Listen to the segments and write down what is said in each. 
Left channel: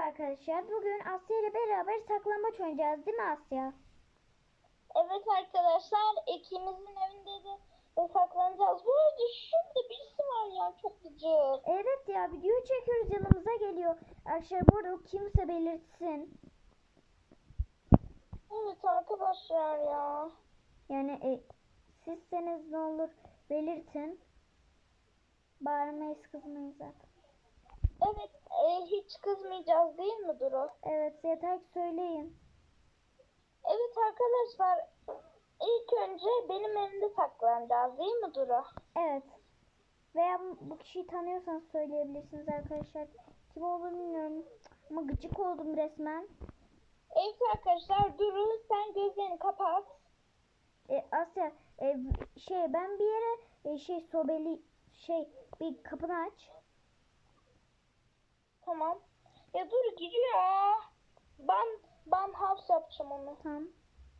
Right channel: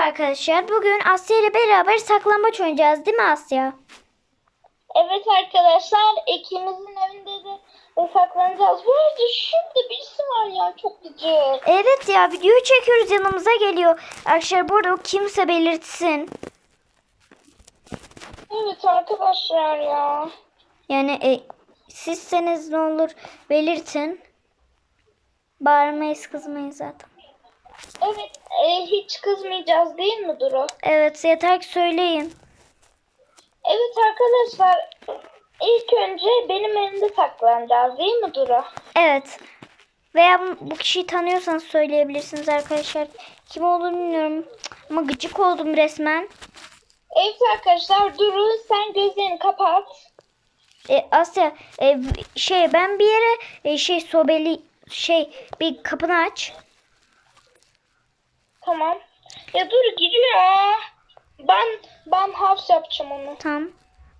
arkadaşlar. Bugün Asya ile beraber saklambaç oynayacağız değil mi Asya? Evet arkadaşlar ikimizin evinde de saklanacağız. Bu arada şurada birisi var ya çok gıcık. Evet ya videoyu çekiyoruz yanımıza geliyor. Arkadaşlar bu arada o kimse belirtsin. Evet arkadaşlar ya. Yani e, sizseniz ne olur belirtin. Bağırmayız kızmayız zaten. Evet e, hiç kızmayacağız değil mi Duru? Evet yeter ki söyleyin. Evet arkadaşlar ilk önce benim evimde saklanacağız değil mi Duru? Evet. Veya bu, bu kişiyi tanıyorsanız söyleyebilirsiniz arkadaşlar. Kim olduğunu bilmiyorum. Ama gıcık oldum resmen. Evet arkadaşlar Duru sen gözlerini kapat. E, Asya e, şey ben bir yere e, şey sobeli şey bir kapını aç. Tamam. Ya Duru gidiyor. Ben ben house yapacağım onu. Tamam.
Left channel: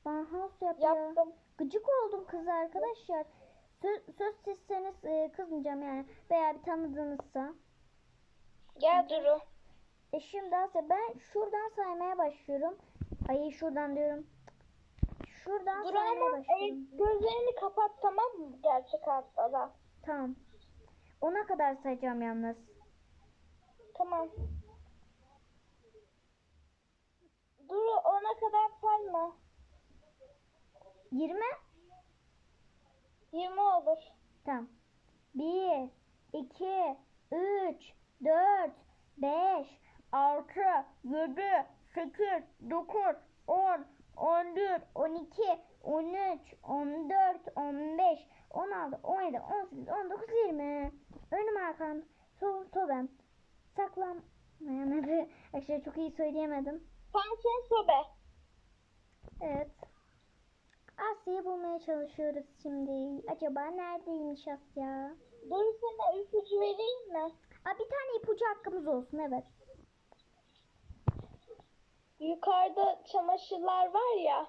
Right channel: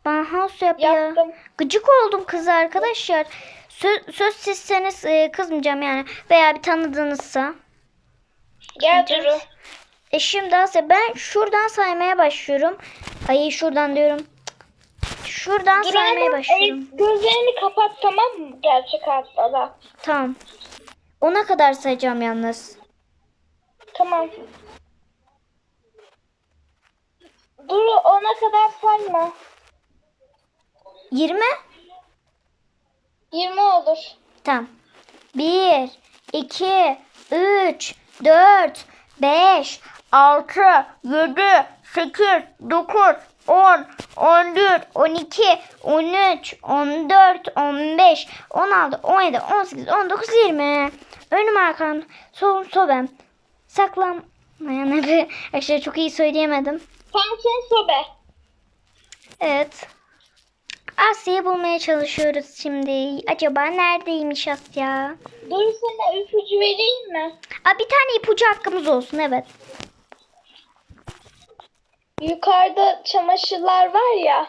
Bana house yap ya. Yaptım. Gıcık oldum kıza arkadaşlar. Söz, söz sizseniz e, kızmayacağım yani. Veya bir tanıdığınızsa. Gel Duru. E şimdi Asya ben şuradan saymaya başlıyorum. Ay şuradan diyorum. Şuradan Duru saymaya hemen, e, başlıyorum. gözlerini kapat tamam mı? Gerçek hayatta da. Tamam. Ona kadar sayacağım yalnız. Tamam. Duru ona kadar sayma. 20? 20 olur. Tamam. 1, 2, 3, 4, 5, 6, 7, 8, 9, 10, 11, 12, 13, 14, 15, 16, 17, 18, 19, 20. Önüm arkam, solum sobem. Saklanmayan evi. Arkadaşlar çok iyi söyleyemedim. Tam sen sobe. Evet. Asya'yı bulmaya çalışıyoruz şimdi. Acaba neredeymiş Asya? Duru sana ipucu vereyim mi? Aa, bir tane ipucu hakkımız olsun evet. Yukarıda çamaşırlar var ya.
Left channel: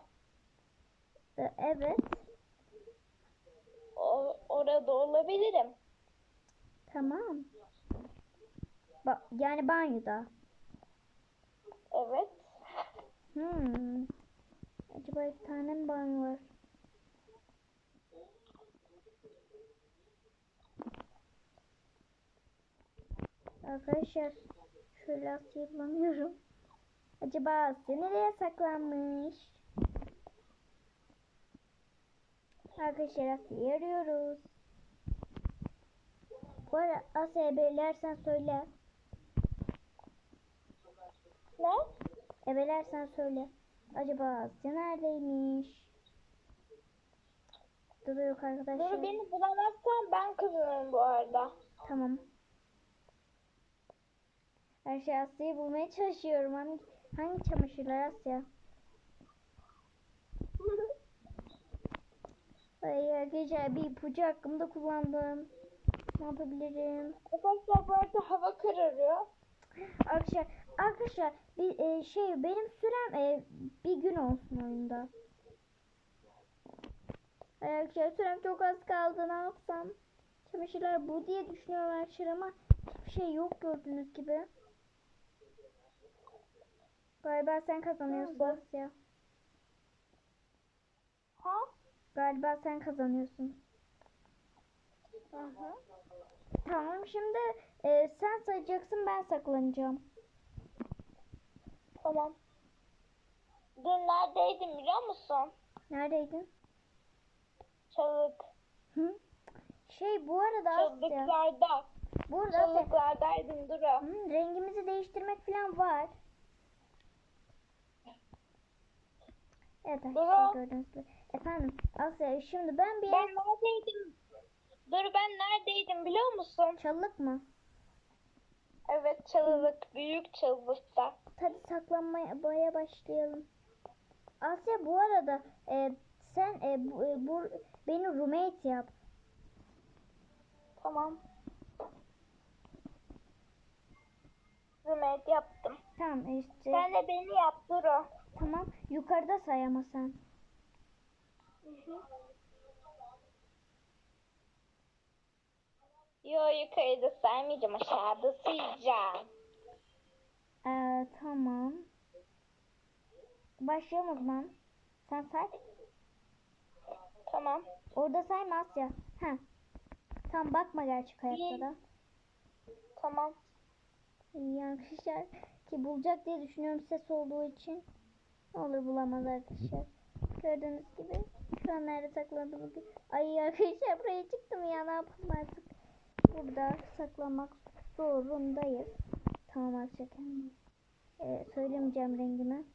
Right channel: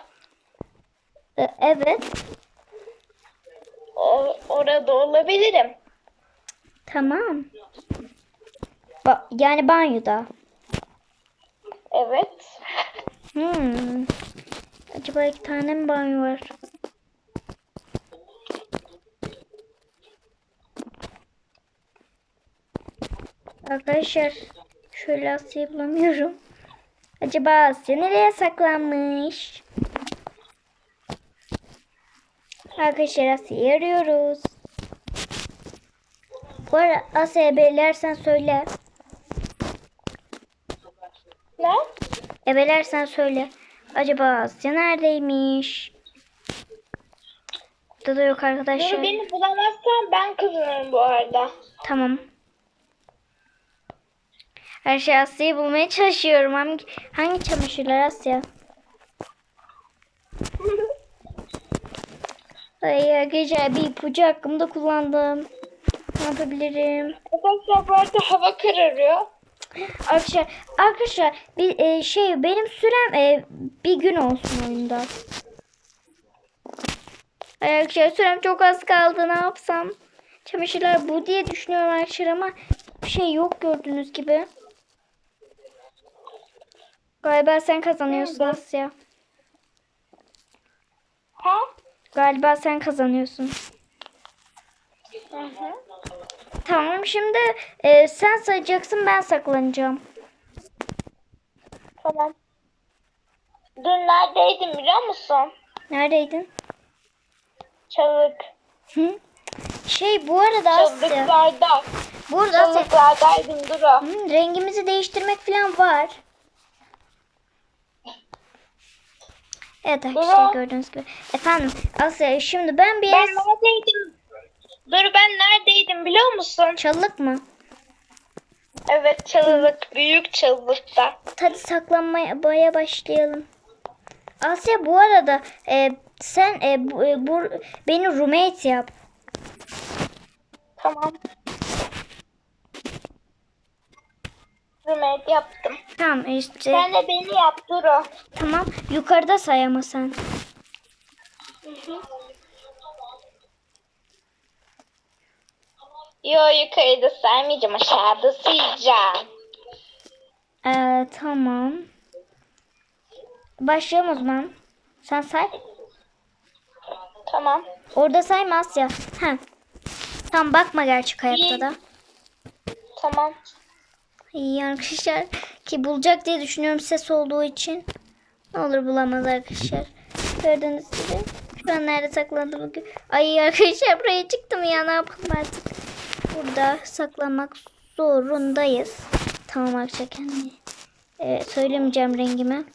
Ee, evet. O, orada olabilirim. Tamam. Ba- yani banyoda. Evet. Hmm. Acaba iki tane mi banyo var? Arkadaşlar şöyle Asya'yı bulamıyorum. Acaba Asya nereye saklanmış? Arkadaşlar Asya'yı arıyoruz. Bu arada Asya'ya belirlersen söyle. Ne? Ebelersen söyle. Acaba Asya neredeymiş? Burada da yok arkadaşlar. Duru beni bulamazsan ben kazanırım bu arada. Tamam. Her şey Asya'yı bulmaya çalışıyorum. Hangi, hangi çamaşırlar Asya? Ay arkadaşlar bir ipucu hakkımda kullandım. Ne yapabilirim? Arkadaşlar bu arada hava kararıyor. Arkadaşlar, arkadaşlar bir e, şey benim sürem e, bir gün olsun oyunda. Arkadaşlar sürem çok az kaldı ne yapsam? Çamaşırlar bu diye düşünüyorum arkadaşlar ama bir şey yok gördüğünüz gibi. Galiba sen kazanıyorsun Nerede? Asya. Ha? Galiba sen kazanıyorsun. Hı hı. Tamam şimdi e, sen sayacaksın ben saklanacağım. Tamam. Dün neredeydin biliyor musun? Neredeydin? Çalık. Hı? Şey bu arada. Çalıklarda. Burada. Çalıklardaydım Duru. Hmm, rengimizi değiştirmek falan var. Evet arkadaşlar Baba. gördüğünüz gibi. Efendim Asya şimdi ben bir Ben neredeydim? Dur ben neredeydim biliyor musun? Çalık mı? Evet çalılık. Büyük çalılıkta. Hadi saklanmaya başlayalım. Asya bu arada e, sen e, bu, e, bu, beni roommate yap. Tamam. Roommate yaptım. Tamam işte Sen de beni yap Duru. tamam yukarıda say ama sen. Yo yukarıda saymayacağım aşağıda sayacağım. Ee, tamam. Başlayalım o zaman. Sen say. Tamam. Orada sayma Asya. Heh. Tam bakma gerçek hayatta da. Tamam. İyi arkadaşlar ki bulacak diye düşünüyorum ses olduğu için. Ne olur bulamaz arkadaşlar. Gördüğünüz gibi. Şu an nerede saklandı bugün? Ay arkadaşlar buraya çıktım ya ne yapalım artık. Burada saklanmak zorundayız. Tamam arkadaşlar kendimi. Ee, söylemeyeceğim rengimi.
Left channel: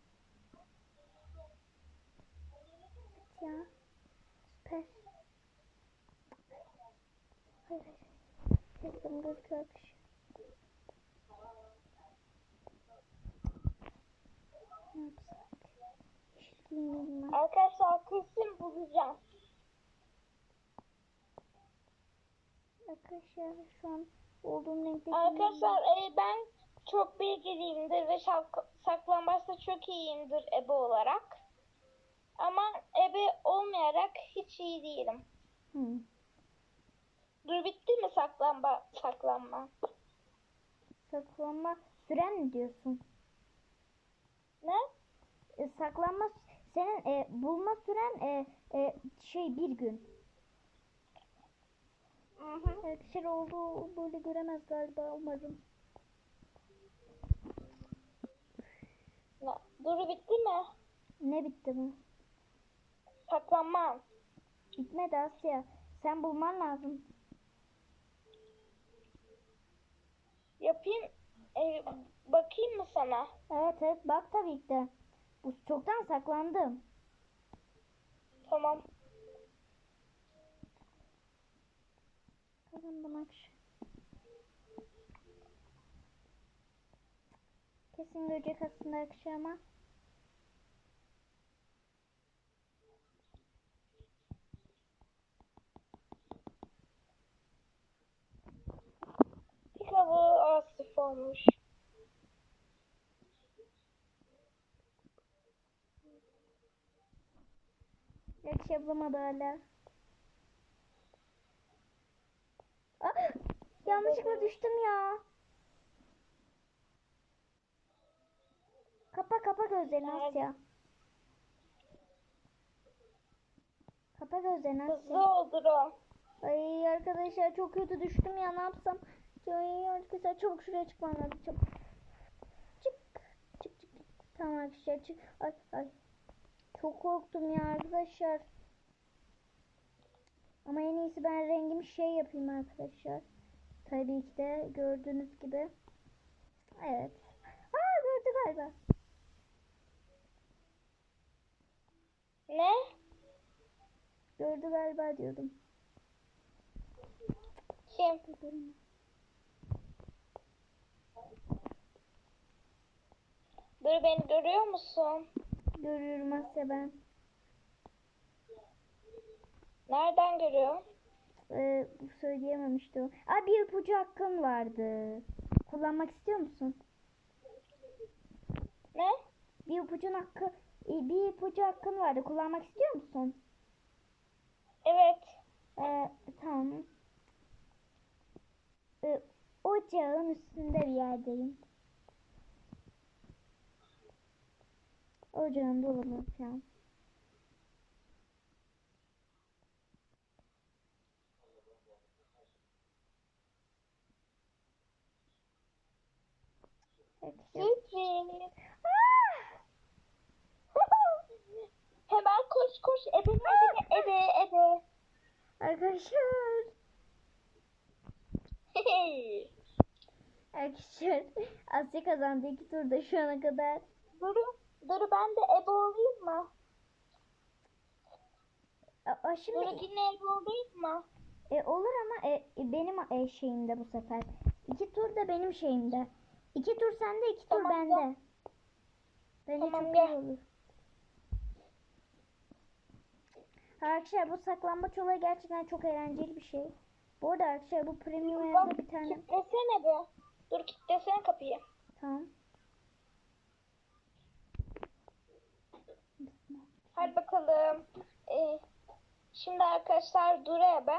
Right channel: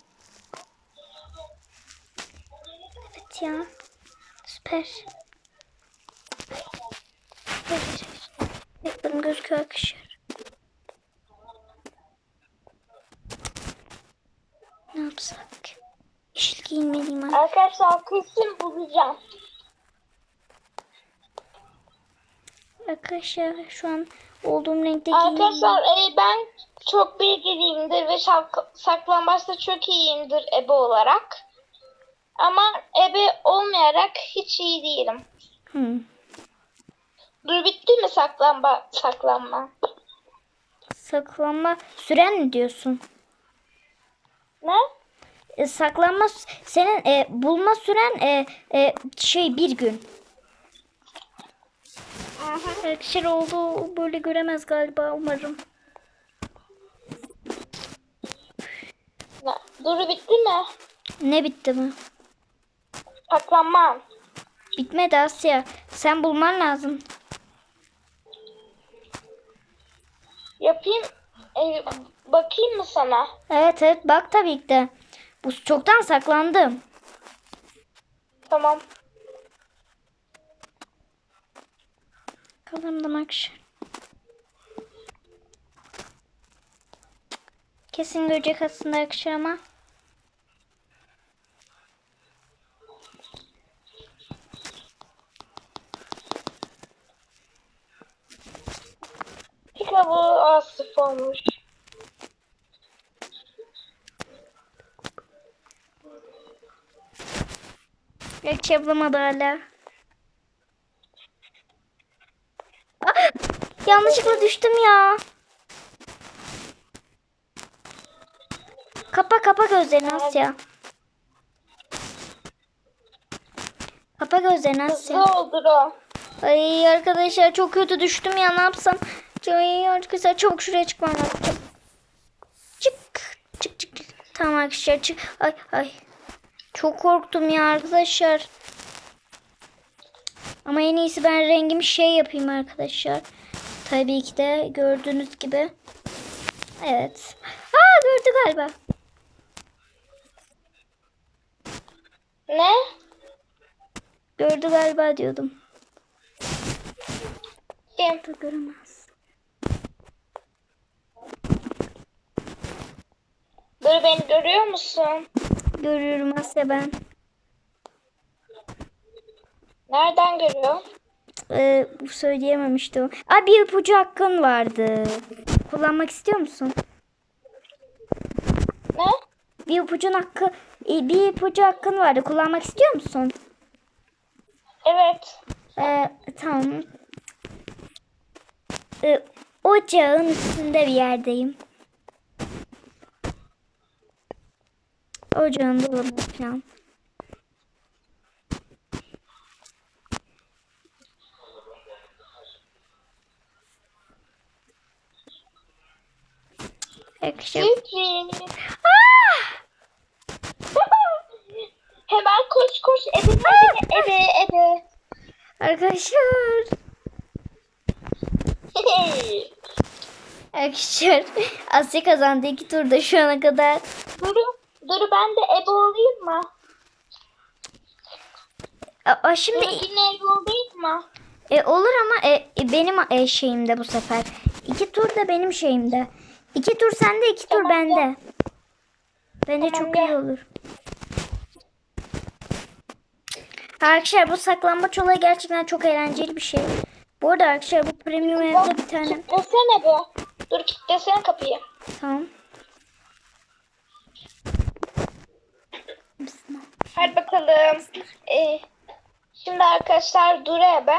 Evet ya. Süper. Evet. Yakın gözüküyor arkadaşlar. Ne yapsak? Yeşil giyinmeliyim. Arkadaşlar kesin bulacağım. Arkadaşlar şu an olduğum renkte. Arkadaşlar e, ben çok bilgiliyimdir ve şak- saklambaçta çok iyiyimdir ebe olarak. Ama ebe olmayarak hiç iyi değilim. Hı. Dur bitti mi saklanma saklanma? Saklanma süren mi diyorsun? Ne? E, saklanma senin e, bulma süren e, e, şey bir gün. Arkadaşlar oldu böyle göremez galiba umarım. ne? Dur bitti mi? Ne bitti mi? Saklanmam. Bitmedi Asya. Sen bulman lazım. Yapayım. e, bakayım mı sana? Evet evet bak tabii ki de. Bu çoktan saklandım. Tamam. Kalırım da akşam. Kesin görecek aslında akşam ama. Pikabı asıf olmuş. Belki bulamadı hala. Yanlışlıkla düştüm ya. Kapa kapa gözlerini Asya. Kapa gözlerini Hızlı Asya. oldur o. Ay arkadaşlar çok kötü düştüm ya ne yapsam. Ay arkadaşlar çabuk şuraya çıkmam lazım. Çık. Çık çık. çık. Tamam arkadaşlar çık. Ay ay. Çok korktum ya arkadaşlar. Ama en iyisi ben rengimi şey yapayım arkadaşlar. Tabii ki de gördüğünüz gibi. Evet. Aa gördü galiba. Ne? Gördü galiba diyordum. Kim? Da göremez. Dur beni görüyor musun? Görüyorum Asya ben. Nereden görüyor? Ee, söyleyememiştim. Aa bir ipucu hakkın vardı. Kullanmak istiyor musun? Ne? Bir ipucun hakkı e, bir ipucu hakkın vardı. Kullanmak istiyor musun? Evet. Ee, tamam. Ee, ocağın üstünde bir yerdeyim. Ocağın dolabı falan. Hemen koş koş ebe ebe ebe ebe. Arkadaşlar. Arkadaşlar Asya kazandı iki turda şu ana kadar. Duru, Duru ben de ebe olayım mı? Aa, şimdi Duru yine ebe olayım mı? e, olur ama e, e, benim e, şeyimde bu sefer. İki tur da benim şeyimde. İki tur sende iki tur bende. Tamam, çok iyi olur. Arkadaşlar bu saklambaç olayı gerçekten çok eğlenceli bir şey. Bu arada arkadaşlar bu premium evde bir tane. Kitlesene be. Dur kitlesene kapıyı. Tamam. Hadi bakalım. Ee, şimdi arkadaşlar Duru ebe.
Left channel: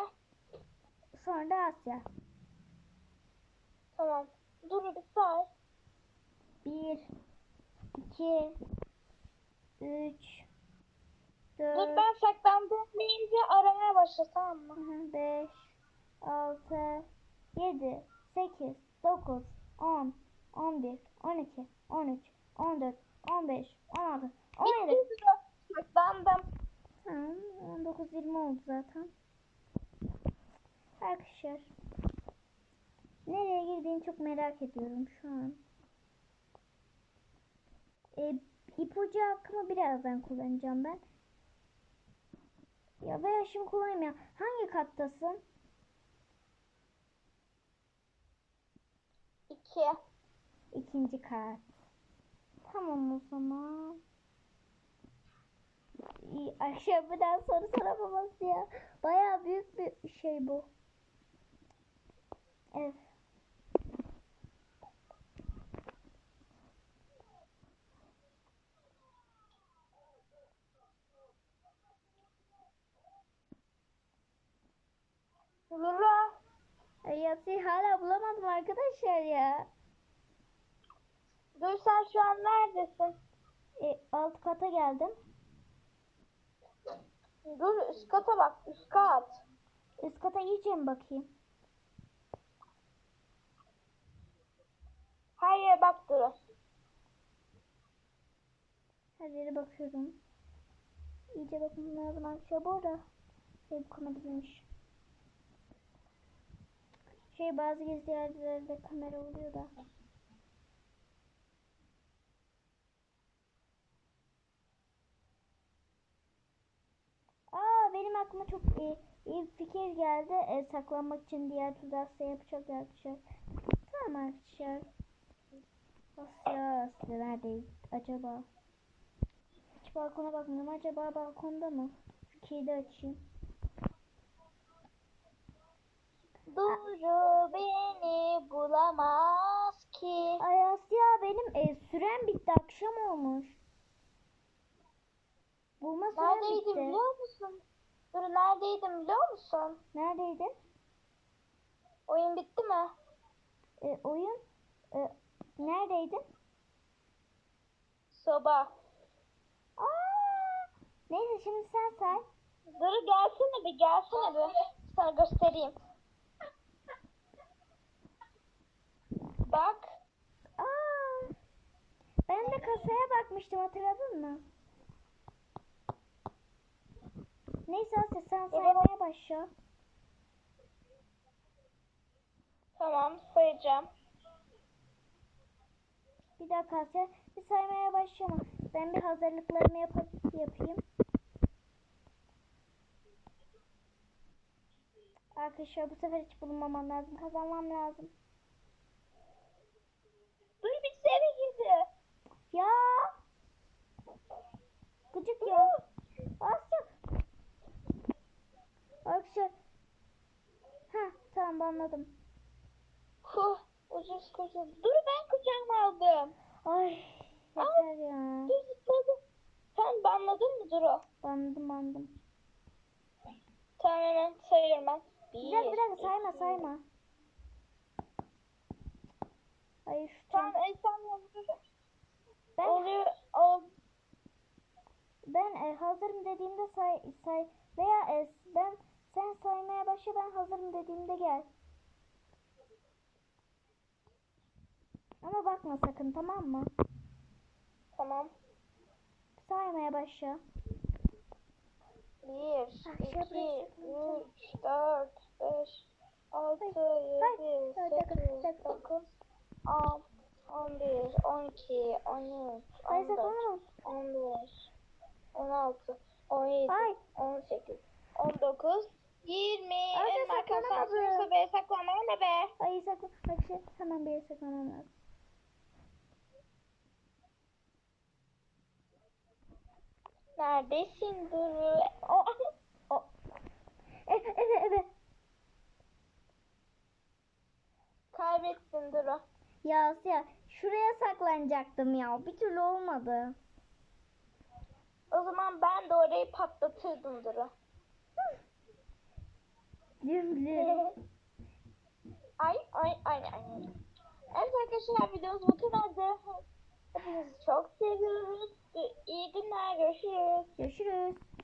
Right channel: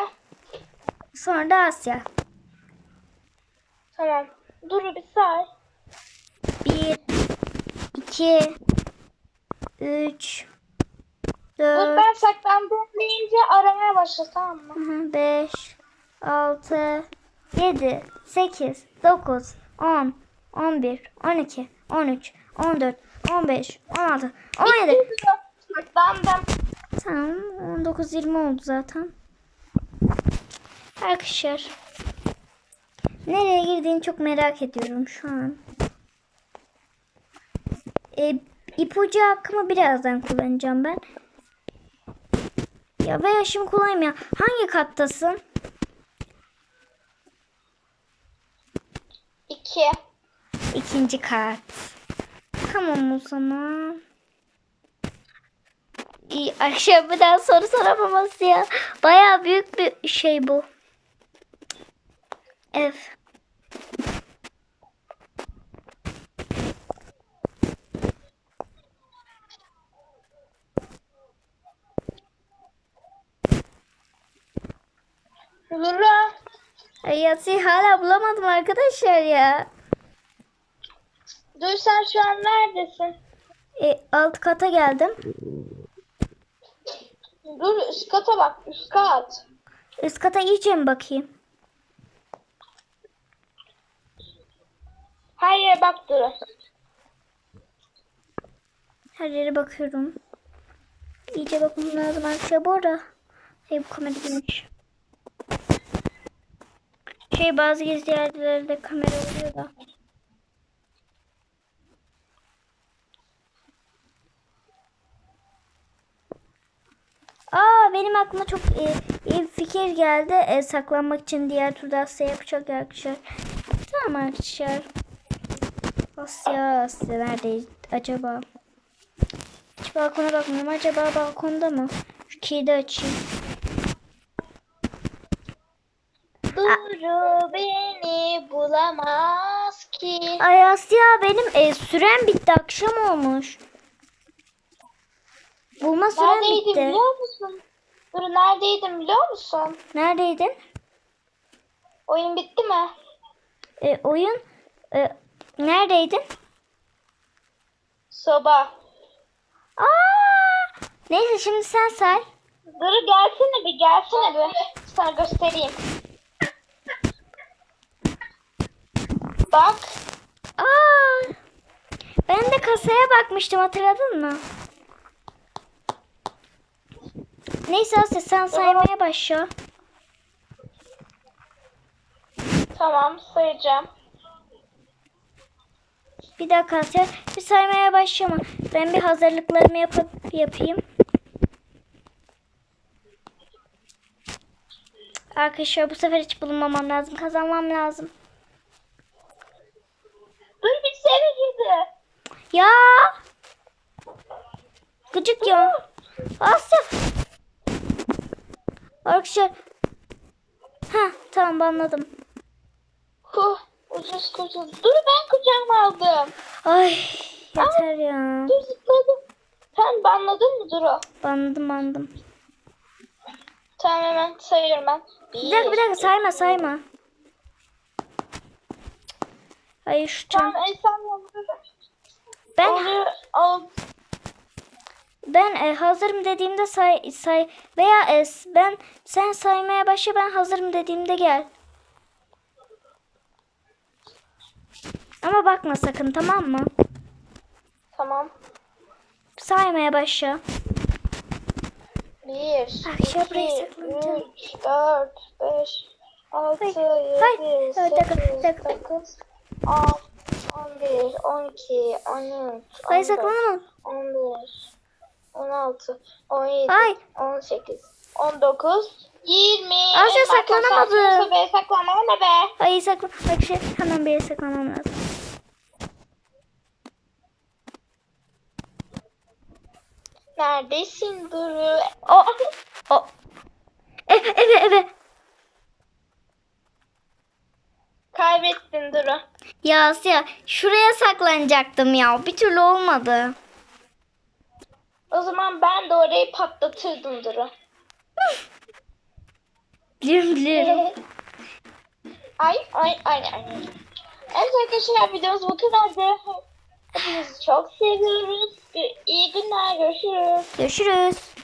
Sonra da Asya. Tamam. Duru bir say. Bir, iki, üç, Dur dört, ben saklandım deyince aramaya başla tamam mı? Hı, 5, 6, 7, 8, 9, 10, 11, 12, 13, 14, 15, 16, 17. Saklandım. Tamam 19, 20 oldu zaten. Arkadaşlar. Nereye girdiğini çok merak ediyorum şu an. E, ipucu hakkımı birazdan kullanacağım ben. Ya veya şimdi kullanayım ya. Hangi kattasın? İki. İkinci kat. Tamam o zaman. İyi, akşam bir daha soru soramaması ya. Baya büyük bir şey bu. Ev. Zura. Ay Yatsi'yi hala bulamadım arkadaşlar ya. Dur sen şu an neredesin? E, alt kata geldim. Dur üst kata bak üst kat. Üst kata iyice mi bakayım? Her yere bak Duru. Her yere bakıyorum. İyice bakmam lazım arkadaşlar. Bu arada şey bu kamera girmiş. Şey bazı gizli yerlerde kamera oluyor da. Aa benim aklıma çok iyi, iyi bir fikir geldi. E, saklanmak için diğer turda Asya yapacak arkadaşlar. Tamam arkadaşlar. Asya, Asya neredeyiz acaba? Hiç balkona bakmıyorum. Acaba balkonda mı? Şu kilidi açayım. Duru beni bulamaz ki. Ay Asya benim e, sürem bitti. Akşam olmuş. Bulma sürem Neredeydim bitti. biliyor musun? Duru neredeydim biliyor musun? Neredeydin? Oyun bitti mi? E, oyun e, neredeydin? Soba. Aa! Neyse şimdi sen say. Duru gelsene bir gelsene bir. Sana göstereyim. Bak. Aa! Ben de kasaya bakmıştım hatırladın mı? Neyse Asya sen saymaya başla. Tamam sayacağım. Bir dakika Asya bir saymaya başlama. Ben bir hazırlıklarımı yapıp yapayım. Arkadaşlar bu sefer hiç bulunmamam lazım. Kazanmam lazım. Dur bir seni girdi. Ya! Gıcık ya. Asya. Arkadaşlar. Ha tamam anladım. Huh, ucuz kurtuldum. Dur ben kucağıma aldım. Ay yeter ya. Dur zıpladım. Sen banladın mı Duru? Bandım bandım. Tamam hemen sayıyorum ben. Bir, Bir dakika bir dakika sayma sayma. Ay şu çan. Tamam Esen yolunda. Ben Onu al. ben e, hazırım dediğimde say say veya e, ben sen saymaya başla ben hazırım dediğimde gel. Ama bakma sakın tamam mı? Tamam. Saymaya başla. Bir, Akşam buraya iki, saklanacağım. üç, dört, beş, altı, Hayır, hayır. yedi, Evet, dakika, sekiz, dakika. dokuz, on, on bir, on iki, on üç, on Ay dört, saklanamam. on beş, on altı, on yedi, Ay. on sekiz, on dokuz, yirmi. Asya En erken saklanamadı. saatin Be saklanma ne be? Ay saklan. Bak şey hemen bir yere saklanmam lazım. Neredesin Duru? O o. Eve eve eve. Kaybettin Duru. Ya Asya şuraya saklanacaktım ya. Bir türlü olmadı. O zaman ben de orayı patlatırdım Duru. Biliyorum biliyorum. ay ay ay ay. Evet arkadaşlar videomuz bu kadardı. çok seviyoruz. İyi günler görüşürüz. Görüşürüz.